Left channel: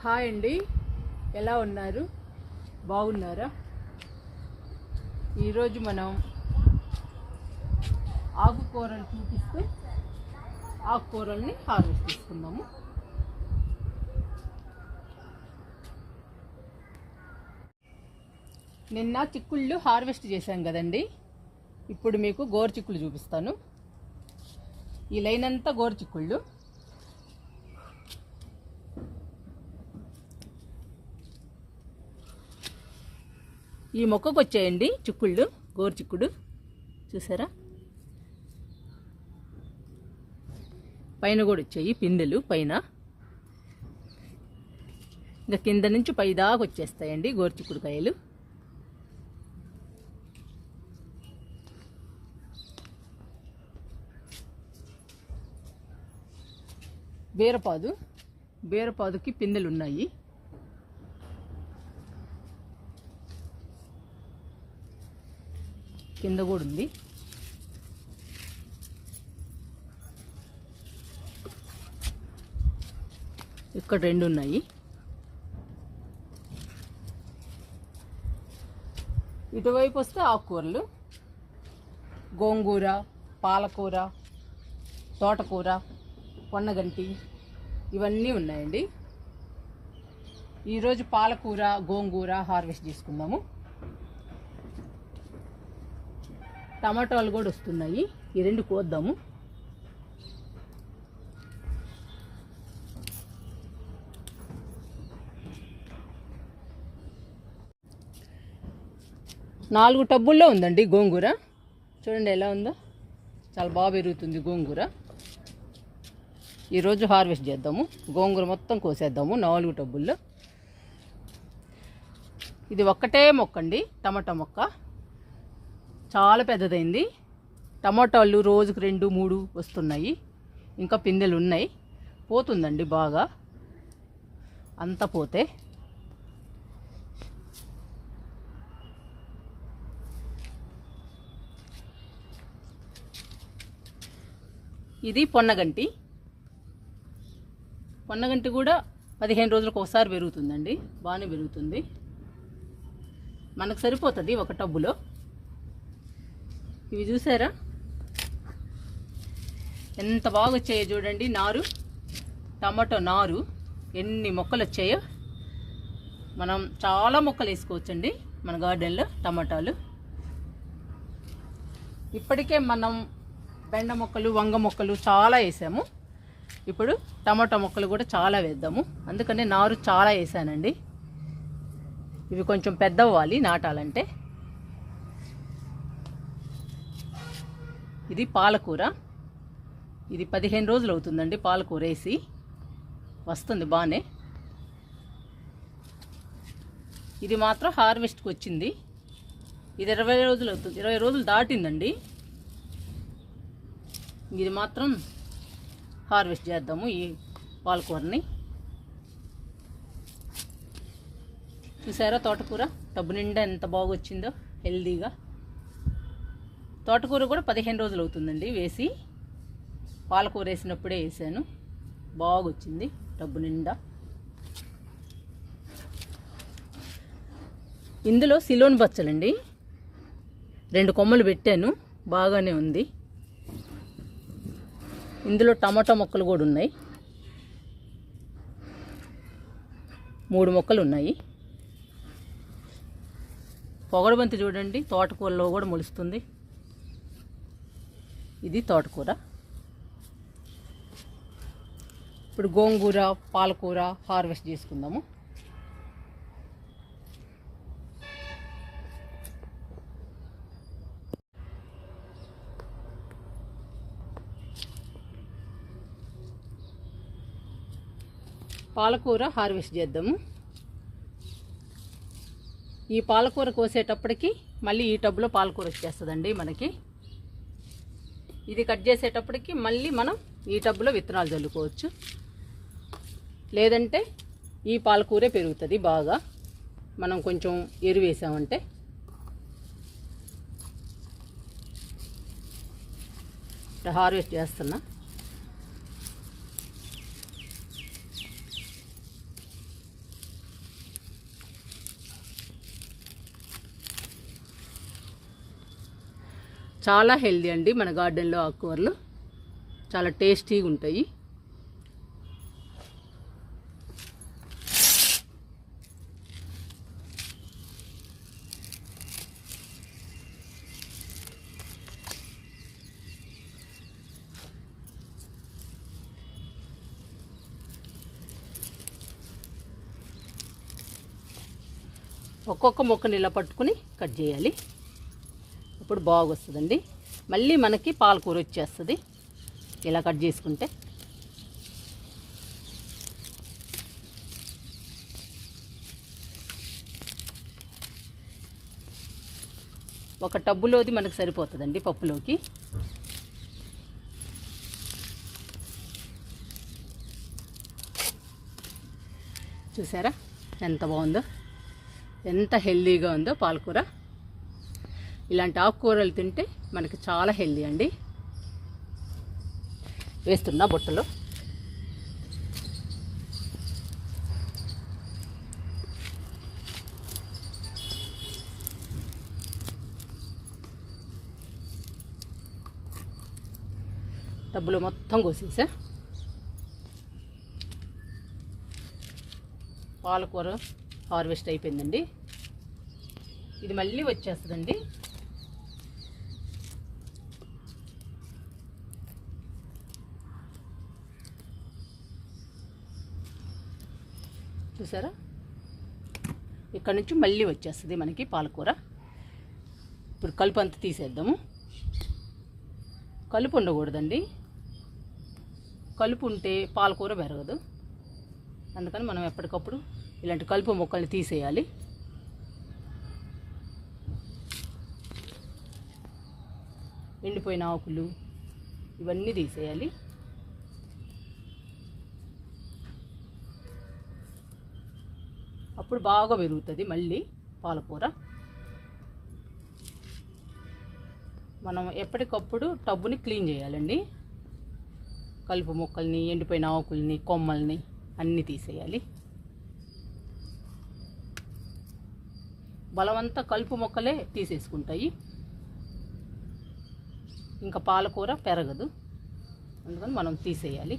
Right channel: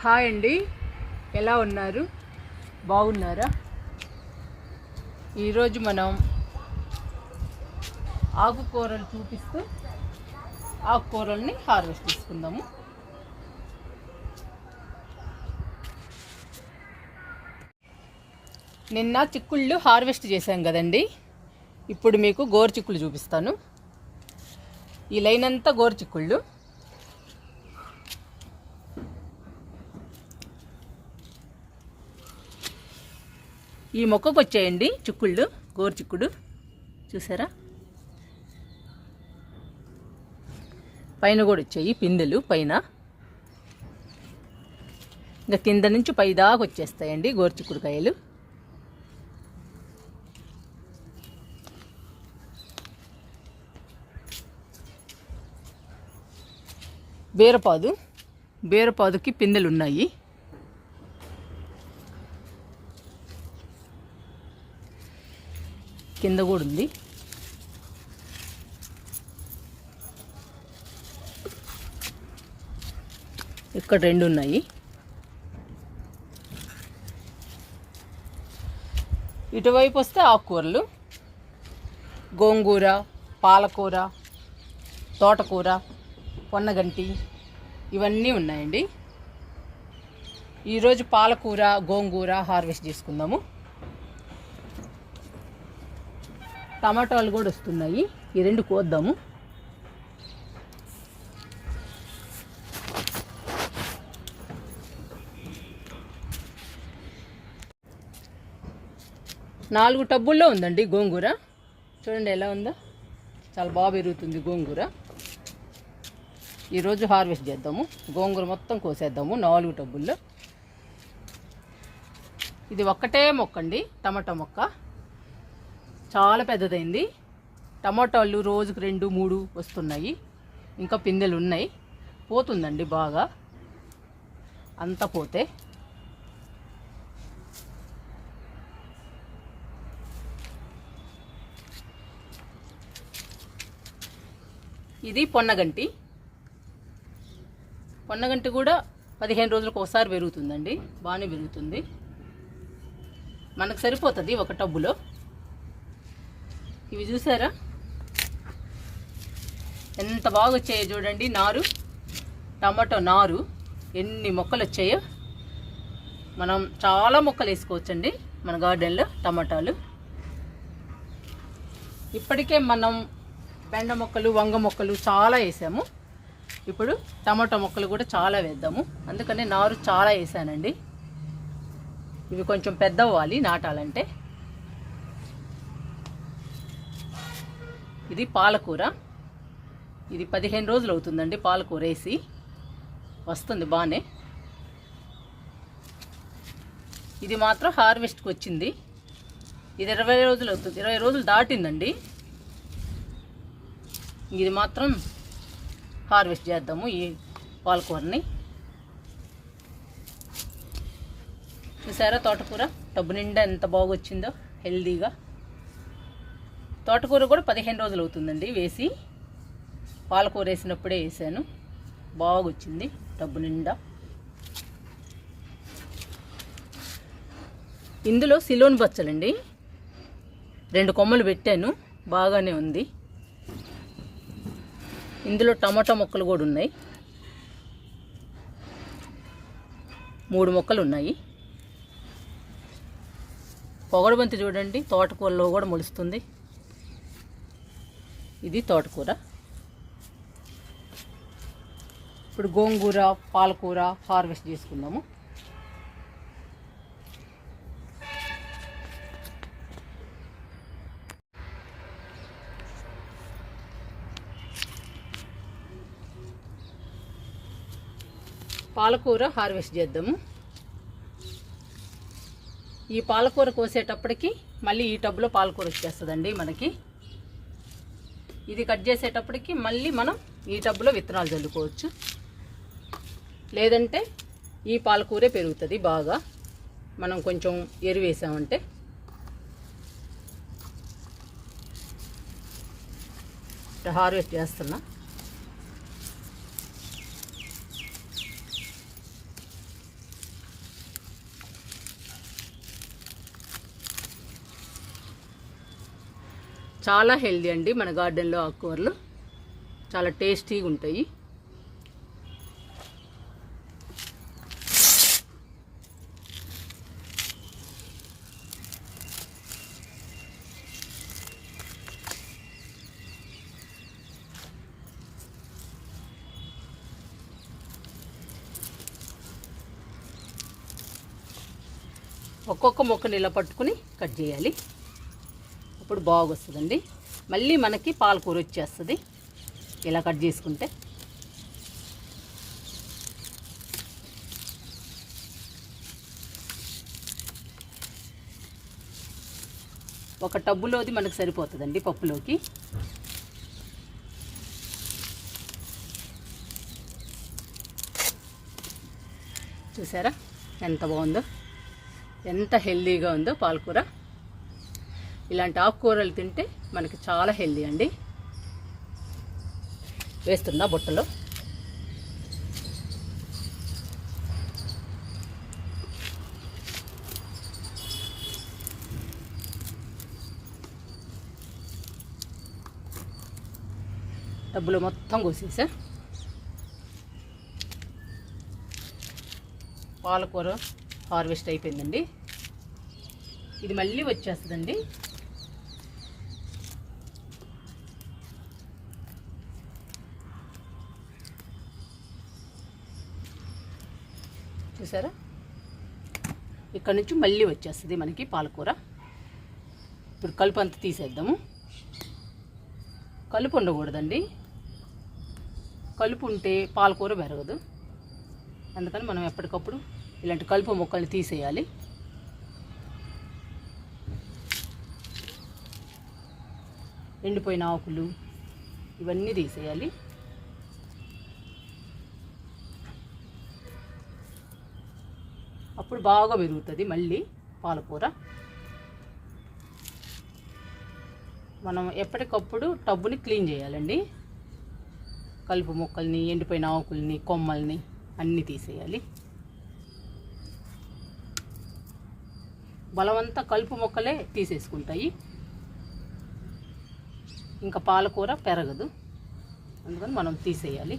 Hi అండి, ఎలా ఉన్నారు? బాగున్నారా? ఈరోజు మనం ఆకుకూరలు చూపిస్తూ ఆకుకూరల్ని హార్వెస్ట్ చేసుకుందాము. నిన్న చిక్కుళ్ళు హార్వెస్ట్ చేశాం కదండి. ఇప్పుడు మీకు గోరు చిక్కుళ్ళు చూపిస్తాను. ఈ లైన్ అంతా గోరు చిక్కుళ్ళు. ఈ మొక్కకు వచ్చాయండి చిక్కుళ్ళు, గోరు చిక్కుడు చూసారా? పైన కూడా వచ్చాయి పిందెలు పైన. ఇంకా కింద నుంచి పై దాకా వచ్చేస్తాయండి గోరు చిక్కుడుకాయలు. బీరపాదుకి పిందెలు ఉన్నాయి. కింద కూడా ఉంది. ఇక్కడ 2 ఉన్నాయి. ఇటువైపు వస్తే ఆకుకూరలు, గోంగూర, పాలకూర, తోటకూర, పొన్నగంటి ఇవన్నీ ఉన్నాయండి. ఈరోజు పాలకూర, గోంగూర హార్వెస్ట్ చేసుకుందాము. టమాటాలు కూడా వస్తున్నాయి. ఈ 2 కోద్దాము. నాలుగు టబ్బుల్లో ఉందండి గోంగూర. చూడండి ఎలా ఉందో, చాలా బాగా పెరుగుతుంది గోంగూర. ఈరోజు హార్వెస్ట్ చేద్దాము. గోంగూర మొత్తం కోసేద్దాము 4 టబ్బుల్లో. ఇది ఒక్కటే మొక్క అండి, టమాటా మొక్క. చాలా పెద్దదైంది. టమాటాలు రోజుకు 2, 3 వస్తున్నాయి. ఇంకా పిందెలు ఉన్నాయి. పోతుందండి బాగా అంతా పోతే. ఇది పొన్నగంటి కూడా 15 రోజులకు ఒకసారి పెరుగుతుందండి. బాగానే పెరుగుతుంది. మనకు సరిపోతుంది ఒక టబ్బులో. ఇవి చూసారా ఎంత బాగా వచ్చాయో చూడండి. నారు, టమాటో నారు ఎన్ని మొక్కలు వచ్చాయో. మనం చాలా మొక్కలు వేసుకోవచ్చండి మన గార్డెన్లో టమాటాలు. ఇప్పటికే మనం బెండ మొక్కలు, వంగ మొక్కలు చాలా వేసాము. ఇప్పుడు టమాటో మొక్కలు కూడా చాలా వేద్దాము. అందుకనే నారు చాలా వేసానండి. ఇవి కొంచెం పెద్ద అవ్వాలి నాటాలంటే. ఇది పాలకూర. ఇది 15 రోజులు అవుతుందండి పాలకూర వేసి. వస్తుంది బాగానే. ఇది మాత్రం హార్వెస్ట్కి వచ్చింది. ఇది 20 రోజులు అవుతుంది. 20 రోజులు దాటిందండి. ఇది మాత్రం హార్వెస్ట్ చేద్దాము ఈ పాలకూరని. చూసారా తోటకూర టబ్బు నిండా ఎంత బాగా వచ్చిందో హెల్దీగా. తోటకూర కూడా 15 రోజులు అవుతుందండి వేసి. పాలకూర వేసినప్పుడే వేసాను. బాగా వచ్చింది టబ్బు నిండా. ఇందులో సిలోన్ బచ్చలండి 2 కొమ్మలు పెట్టాను. బాగానే ఉంది. ఇందులో టమాటా మొక్కలు కూడా ఉన్నాయి. 3 మొక్కలు ఉన్నాయి. పొగడబంతి చూడండి తోటకూరలో కూడా మొలుస్తుంది. ఇది తోటకూర. ఇప్పుడు గోంగూర, పాలకూర హార్వెస్ట్ చేసుకుందాము. పాలకూర హార్వెస్ట్ చేద్దాము. ఈ పాలకూర కోసేటప్పటికి మళ్ళీ ఈ టబ్లో పాలకూర వచ్చేస్తుందండి మనకి. ఇది కట్ చేసేటప్పటికి మళ్ళీ మనం ఈ టబ్లో విత్తనాలు చల్లుకోవచ్చు. లేదంటే ఈ పాలకూరే పెరుగుతుంది బాగా మనం కొంచెం ఎరువు వేసామంటే. హార్వెస్ట్ చేస్తున్నా. చాలా హెల్దీ అండి మన గార్డెన్లో ఆకుకూరలు, చాలా టేస్టీగా ఉంటాయి. ఒక్కొక్క మొక్కని ఇలా పట్టుకుని కట్ చేయాలి, అప్పుడు బాగా వస్తుందండి. మళ్ళీ మనకి పాలకూర వచ్చేస్తుంది ఇలా కట్ చేసుకుంటే. ఒక టబ్బులోది మనకు సరిపోతుందండి పప్పులోకి. చూసారా ఎంత బాగుందో, ఎంత హెల్దీగా ఉందో పాలకూర. ఇలాంటి ఆకుకూరలు తింటే మనకి చాలా హెల్దీ అండి. వేస్తున్నా బుట్టలో. డబ్బులు మొత్తం కోసేసా. పాలకూర హార్వెస్ట్ అయిపోయిందండి. ఇది మళ్ళీ వచ్చేస్తుందండి. చూసారా, ఇక్కడ నుంచి మళ్ళీ వచ్చేస్తుంది మనకి పాలకూర. ఇప్పుడు కలుపు అంతా తీసేద్దాము. కలుపు ఉండకూడదండి, కలుపు ఉంటే పాలకూర పెరగదు. అందుకని మనం ఎప్పటికప్పుడు ఇలాంటి కలుపు మొక్కల్ని తీసేయాలి. ఎండిపోయిన ఆకులు ఇవన్నీ తీసేయాలి. అప్పుడు బాగా పెరుగుతుంది మళ్ళీ పాలకూర. మనం ఎప్పటికప్పుడు టబ్బుని క్లీన్ చేయాలండి. కలుపు మొక్కల్ని, ఎండిపోయిన ఆకుల్ని, కొమ్మల్ని అన్నీ తీసేయాలి. బలవంతా కలుపు మొక్కలే తీసేసుకుంటాయి, ఇంకా పాలకూర పెరగదు. అందుకని మనం తీసేయాలి.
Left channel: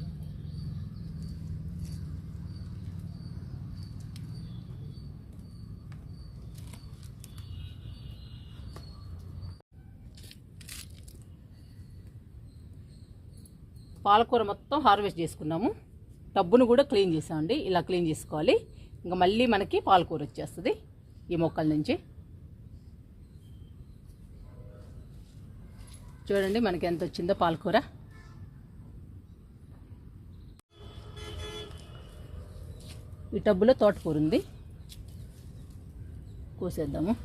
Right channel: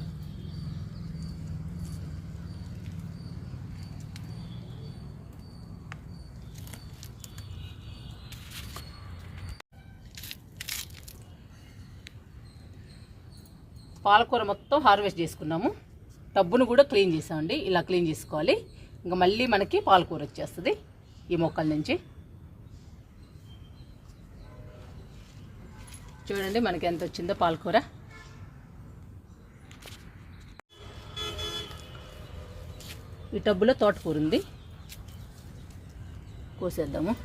పాలకూర మొత్తం హార్వెస్ట్ చేసుకున్నాము. టబ్బును కూడా క్లీన్ చేసామండి. ఇలా క్లీన్ చేసుకోవాలి. ఇంకా మళ్ళీ మనకి పాలకూర వచ్చేస్తుంది ఈ మొక్కల నుంచి. చూడండి మనకి ఎంత వచ్చిందో పాలకూర. ఈ టబ్బులో తోటకూర ఉంది, కోసేద్దాము.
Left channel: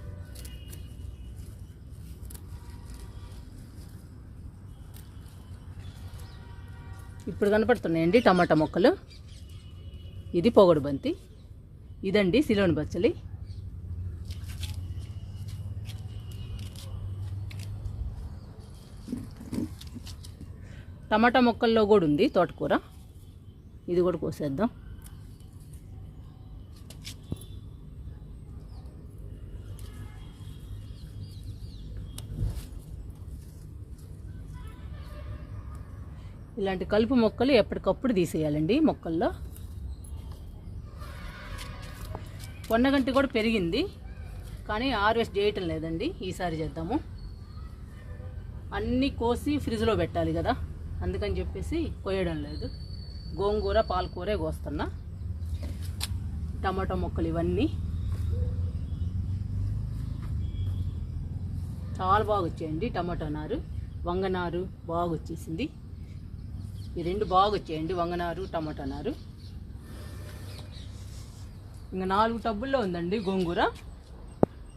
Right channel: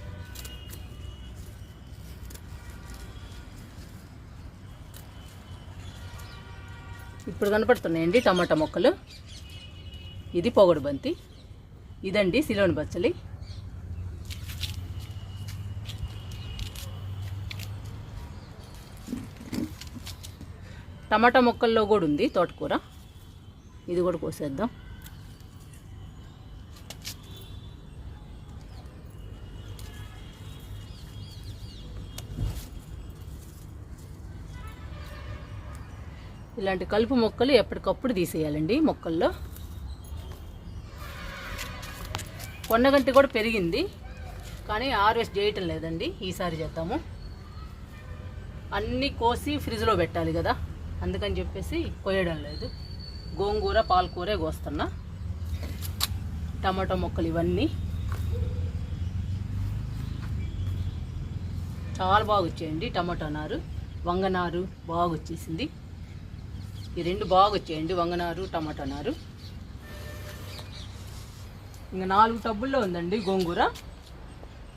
ఇప్పుడు కనపడుతున్నాయండి టమాటా మొక్కలు. ఇది పొగడు బంతి, ఇదండి సిలోని బచ్చలి. టమాటా మొక్కల్లో కూడా ఉంది తోటకూర, ఇది కూడా కోసేద్దాం. ఇలాంటి కలుపు మొక్కలు ఎప్పటికప్పుడు తీసేయాలండి మొక్కల్లో. కొండగంటి కూడా పెరిగింది కానీ హార్వెస్ట్ చేయటం లేదండి. ఈసారి చేద్దాము. అన్నీ కోసి ఫ్రిడ్జ్లో పెట్టాలి కదా, అందుకని చెప్పేసి కోయడం లేదు. గోంగూర, పాలకూరే కోస్తున్నా. టమాటో మొక్కలు ఇవన్నీ చాలా బాగా వచ్చాయండి. టమాటో నారు, వంగనారు బాగా వచ్చేసింది. ఈ రెండు బాగా వచ్చాయండి, వంగనారు, టమాటా నారు. ఇంకా 4 టబ్బుల్లో ఉందండి గోంగూర.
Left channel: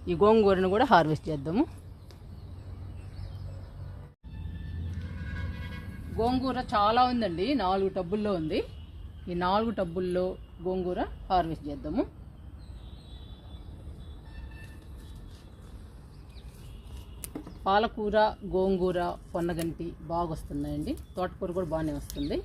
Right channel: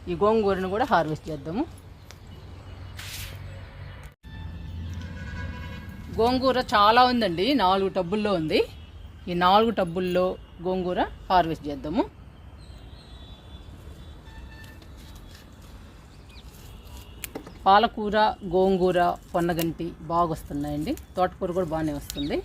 ఈ గోంగూరను కూడా హార్వెస్ట్ చేద్దాము. గోంగూర చాలా ఉందండి, 4 టబ్బుల్లో ఉంది. ఈ 4 టబ్బుల్లో గోంగూర హార్వెస్ట్ చేద్దాము. పాలకూర, గోంగూర, పొన్నగంటి బాగా వస్తున్నాయండి. తోటకూర కూడా బాగానే వస్తుంది.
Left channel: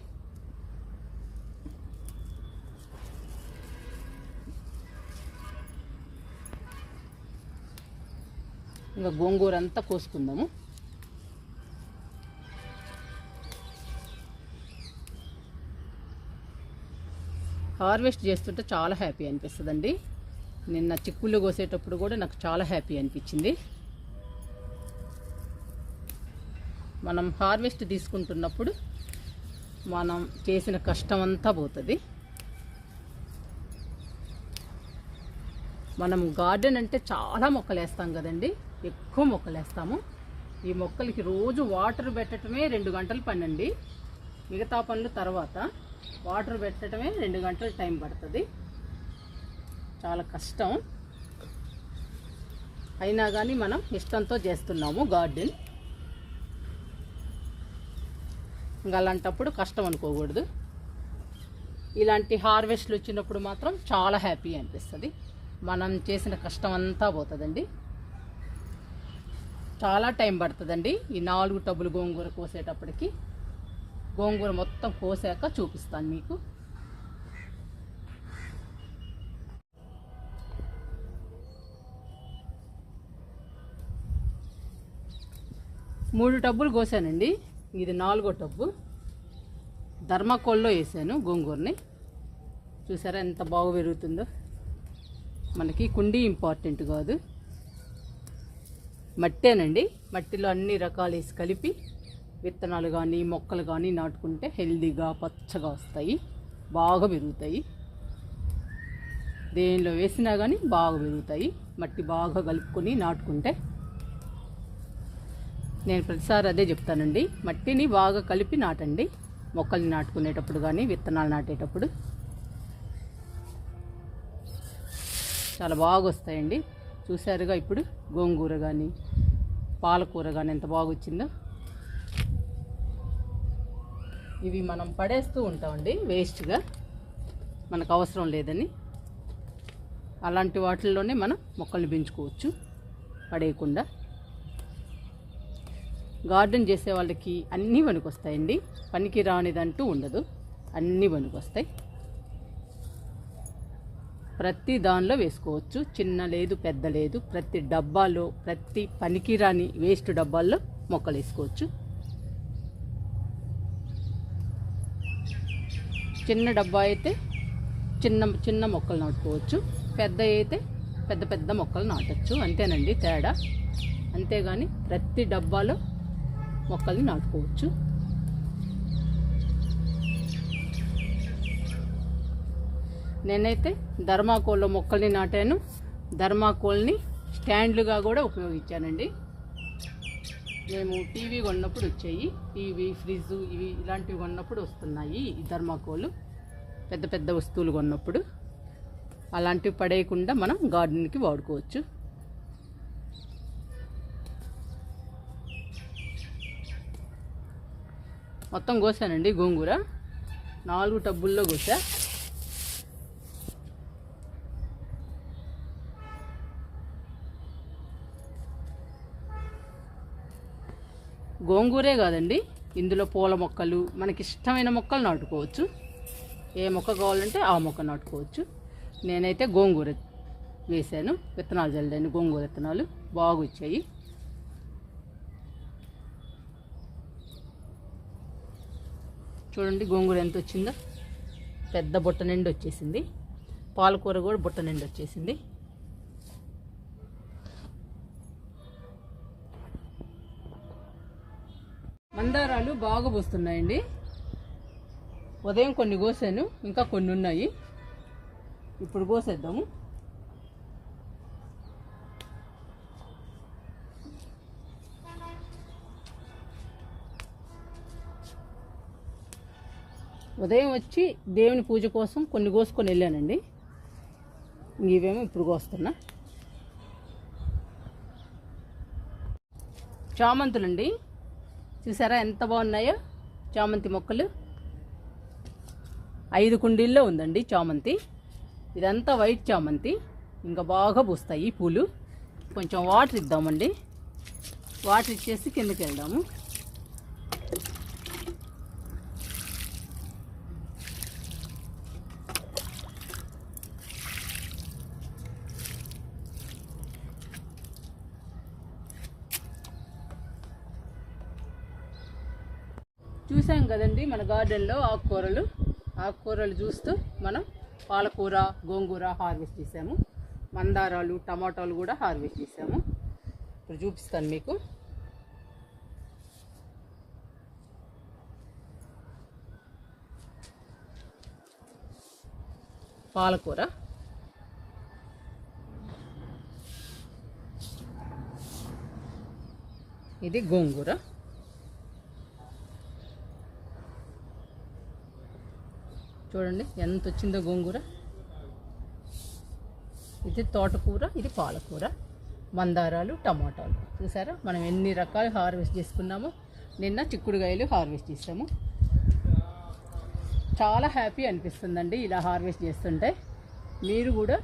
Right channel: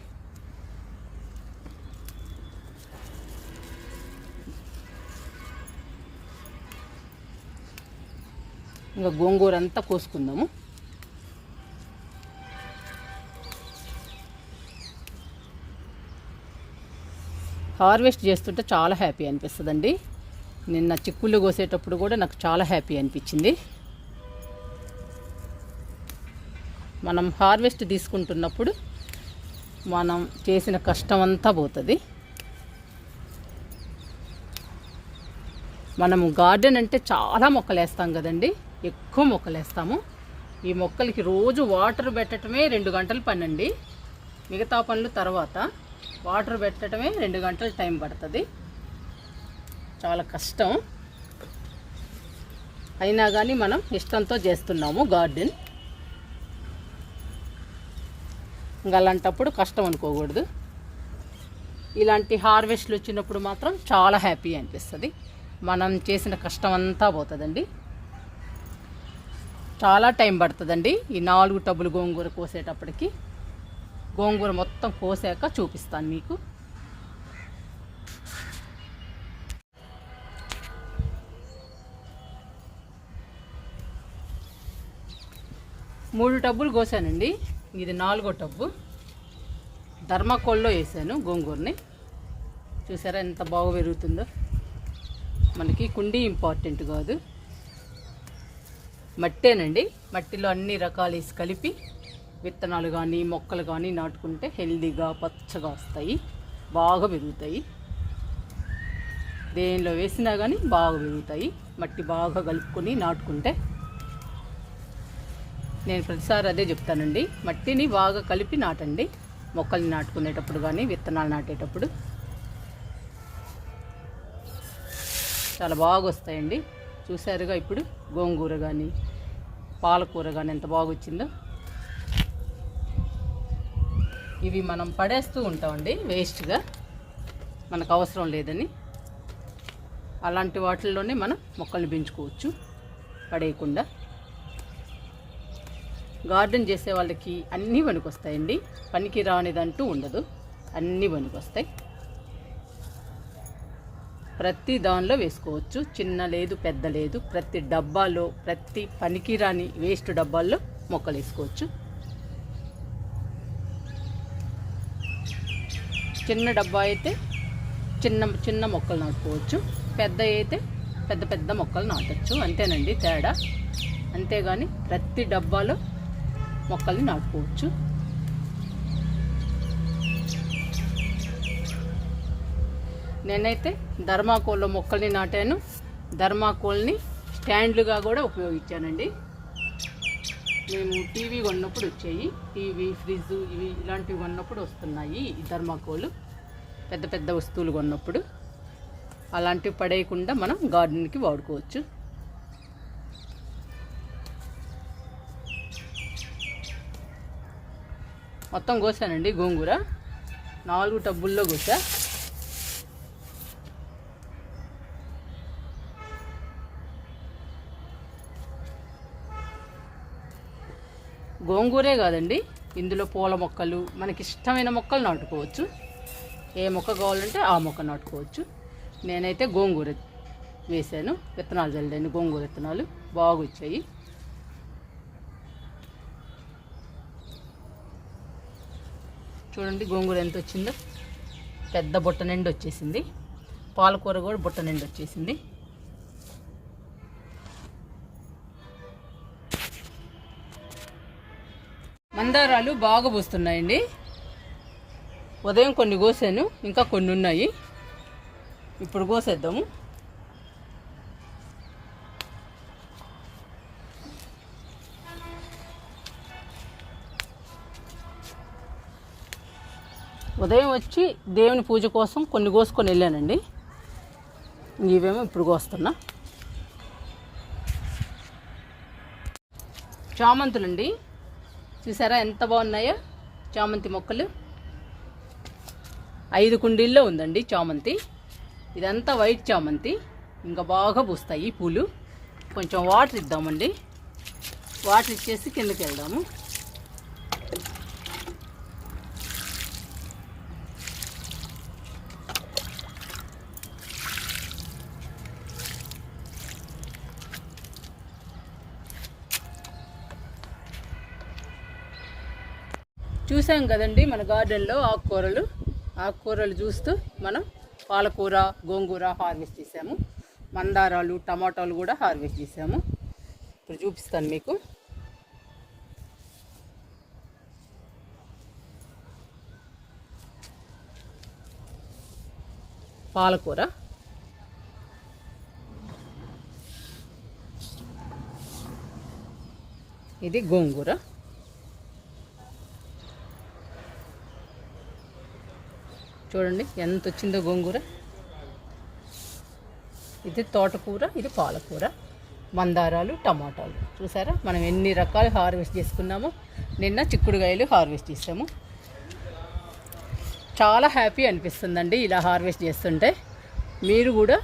ఇంకా గోంగూర అంతా కోసుకుందాము. హార్వెస్ట్ చేస్తుంటే చాలా హ్యాపీ అనిపిస్తుందండి. నిన్న చిక్కుళ్ళు కోసేటప్పుడు కూడా నాకు చాలా హ్యాపీ అనిపించింది. మనం హార్వెస్ట్ తీసుకుంటున్నప్పుడు మనం చేసిన కష్టం అంతా పోతుంది. మనము గార్డెన్ అంటే చాలా మొక్కలు వేస్తాం కదండి, ఎక్కువ మొక్కలు వేస్తాము. ఈ మొక్కలకి రోజు వాటర్ పెట్టడమే 2 గంటలు పని అండి. మిగతా పనులు తర్వాత వాటర్ పెట్టడమే 2 గంటలు టైం పడుతుంది. చాలా కష్టం, అయినా కానీ మనం ఇష్టంతో చేస్తున్నాము గార్డెన్. ఇంకా అలాంటప్పుడు కష్టం అనుకోకూడదు. ఇలాంటి హార్వెస్ట్లు వచ్చినప్పుడు మాత్రం చాలా హ్యాపీ అనిపిస్తుంది. మనం చేసిన కష్టం అంతా పోతుందండి. చాలా టైం పడుతుందండి. ఈ 4 టబ్బులు గోంగూర కోసేటప్పటికి గోంగూర మొత్తం కోసాక చూపిస్తాను మీకు. మూడు టబ్బులు కోసానండి. ఇది 4వ టబ్బు. ధర్మాకోల్లో వేసాను గోంగూరని. చూసారా ఎంత బాగా పెరుగుతుందో. మనకి కుండీ ఇంపార్టెంట్ కాదు, మట్టేనండి. మట్టిలో అన్ని రకాలు వేసి కలిపి విత్తనాలు కానీ మొక్కలు కానీ నాటుకుంటే హెల్దీగా పచ్చగా వస్తాయి, బాగా పెరుగుతాయి. దేనిలో వేసినా కానీ బాగా పెరుగుతాయి. మట్టి బాగా కలుపుకొని నాటుకుంటే. నేను ప్రతిసారి అదే చెప్తానండి, మట్టిని బాగా కలిపి నాటండి మొక్కల్ని నాటుకునేటప్పుడు కానీ విత్తనాలు నాటేటప్పుడు. చాలా బాగా వస్తాయండి. చూసారుగా ఇప్పుడు గోంగూర కానీ పాలకూర కానీ ఎంత బాగా వచ్చిందో. ఇవి మనం పడేస్తూ ఉంటామండి వేస్ట్గా, మనకు అవసరం లేదని. అలాంటి వాటిల్లోనే మనం మొక్కల్ని పెంచుకోవచ్చు పడేయకుండా. గార్డెన్ చేసే వాళ్ళకి అన్నీ పనికొస్తాయండి, పనికి రానిదంటూ ఉండదు, అన్నీ పనికొస్తాయి. ప్రతి దానిలో వేసుకోవచ్చు, చిన్న లేదు పెద్ద లేదు. ప్రతి డబ్బాలో, ప్రతి పనికిరాని వేస్ట్ డబ్బాల్లో మొక్కలు వేసుకోవచ్చు. చిన్న డబ్బా అయితే చిన్న చిన్న మొక్కలు నాటుకోవచ్చు, పెద్ద అయితే పెద్ద పెద్ద మొక్కలు నాటచ్చు. అంతేనండి తేడా. అంతేగాని ప్రతి డబ్బాలో మొక్కల్ని నాటుకోవచ్చు. నేనైతే ధర్మాకోల్లో మొక్కల్ని నాటాను. ధర్మాకోల్ని స్టాండ్లుగా కూడా ఉపయోగించానండి. మేము టీవీ కొన్నప్పుడు వచ్చాయి, టీవీ ఫ్రిడ్జ్ ఇవి ఇలాంటివి కొన్నప్పుడు వస్తున్నాయి ఈ ధర్మాకోలు. పెద్ద పెద్ద వస్తువులు కొన్నప్పుడు అలాంటివి పడేయకుండా మనం గార్డెన్కి వాడుకోవచ్చు. మొత్తం కోసానండి గోంగూర, 4 టబ్బుల్లో కోసా. గోంగూరే కాదండి, ఇందులో పూల మొక్కలు మనకి ఇష్టమైన మొక్కలు నాటుకోవచ్చు. ఏ మొక్క కావాలంటే ఆ మొక్క నాటుకోవచ్చు. నేనైతే గోంగూర వేసాను, విత్తనాలు చల్లాను. గోంగూర విత్తనాలు బాగా వచ్చాయి. చూడండి గోంగూర ఎంత వచ్చిందో, పెద్ద బుట్ట నిండి వచ్చేసింది. పాలకూర కూడా బుట్ట నిండి వచ్చేసింది. మందారాలు బాగా పూస్తున్నాయండి. ఉదయం కొన్ని కోసాను, ఇంకా కొన్ని ఉన్నాయి, ఇప్పుడు కోసేద్దాము. ఉదయం వచ్చి దేవుని పూజ కోసం కొన్ని కోసుకొని వెళ్ళానండి. ఇవేమో ఇప్పుడు కోస్తున్నా. చామంతులండి, చూసారా ఎంత బాగున్నాయో చామంతి మొక్కలు. 5 కుండీల్లో ఉందండి చామంతి. ఇదంతా వైట్ చామంతి, ఇంకా బాగా పూస్తాయి పూలు. కొంచెం వాటర్ ఇద్దామండి, వాటర్ ఇచ్చేసి కిందకి వెళ్దాము. చూసాం కదండి మన గార్డెన్లో ఆకుకూరలు చూస్తూ మనం పాలకూర, గోంగూర హార్వెస్ట్ చేసాము. మందారాలు, టమాటాలు కూడా హార్వెస్ట్ చేసాము. ఇప్పుడు చూపిస్తాను మీకు. పాలకూర, ఇది గోంగూర, చూడండి ఎంత వచ్చిందో గోంగూర. ఇది తోటకూర, ఇది పాలకూర, మందారాలు, టమాటాలు. చూసారా మనం ఎన్ని రకాలు హార్వెస్ట్ చేసుకున్నామో. నిన్న చిక్కుడుకాయలు హార్వెస్ట్ చేసాము. చాలా హ్యాపీ అనిపిస్తుందండి ఇలా హార్వెస్ట్ చేస్తుంటే. మీరు కూడా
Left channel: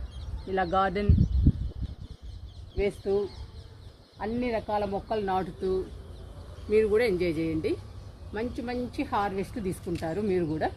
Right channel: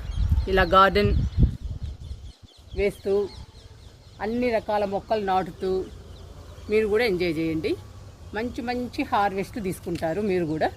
ఇలా గార్డెన్ వేస్తూ అన్ని రకాల మొక్కలు నాటుతూ మీరు కూడా ఎంజాయ్ చేయండి. మంచి మంచి హార్వెస్ట్ తీసుకుంటారు మీరు కూడా.